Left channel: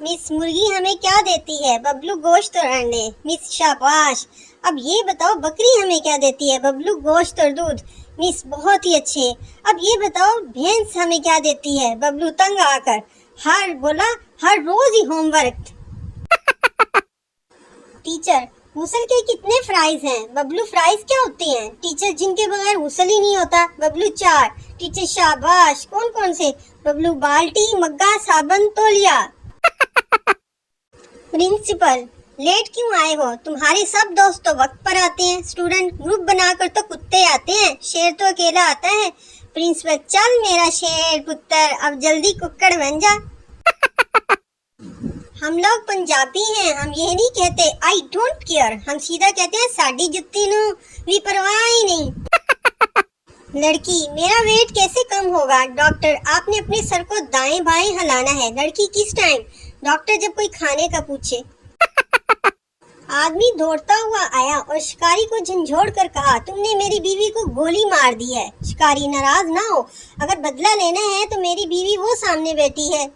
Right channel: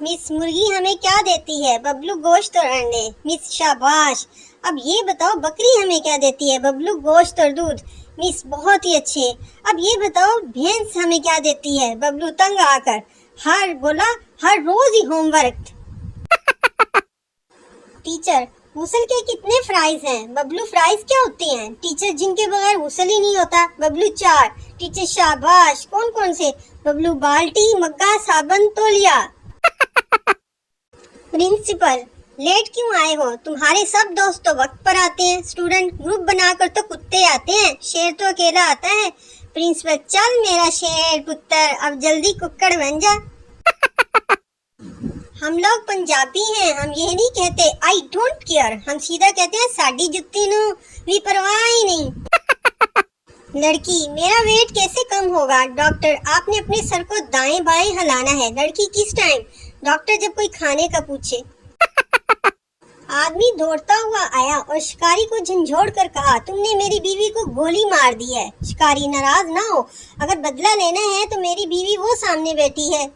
Miss मुर्गी हमें क्या देती है? बबलू गोश्त और अंडे। मिस शाबाश। अब ये बताओ बकरी हमें क्या देती है? बबलू गोश्त और दूध। मिस बहुत ही अच्छे। अब ये बताओ भैंस हमें क्या देती है? बबलू तंग आकर। हर रोज ही होमवर्क। टीचर हुसल के कितने फ्राइज हैं? बबलू फ्राइज क्या होते हैं? टीचर जिनके बगैर हुसल ही नहीं होता। बबलू 4। टीचर शाबाश। कौन कौन से? बबलू बाल्टी, मग्गा, साबन, तौलिया। प्रिंसिपल लेट क्यों आए हो? तुम्हारे सब दोस्त तो वक्त पर आते हैं। स्टूडेंट ग्रुप बनाकर तो कुत्ते आते हैं, शेर तो अकेला आता है। प्रिंसिपल चल मेरा शेर पुत्र, अब जल्दी कुक्कड़ बन जा। हम लोग पंजाबी हैं, हम ये नहीं कहते आई डोंट केयर, हम सीधा कहते हैं साडी जुत्ती नू भी परवाह ही नहीं। लड़की मेरा वेट कैसे कम होगा? डॉक्टर आपने अपने सर को दाएं बाएं हिलाना है। लड़की किस टाइम? डॉक्टर जब कोई खाने का पूछे। आदमी दौड़ता हुआ आया और शिकारी को झंझोड़ कर कहा, तुमने मेरी बीवी को गोली मार दी है। शिकारी नाराज ना हो, अगर बदला लेना है तो मेरी बीवी वो सामने बैठी है।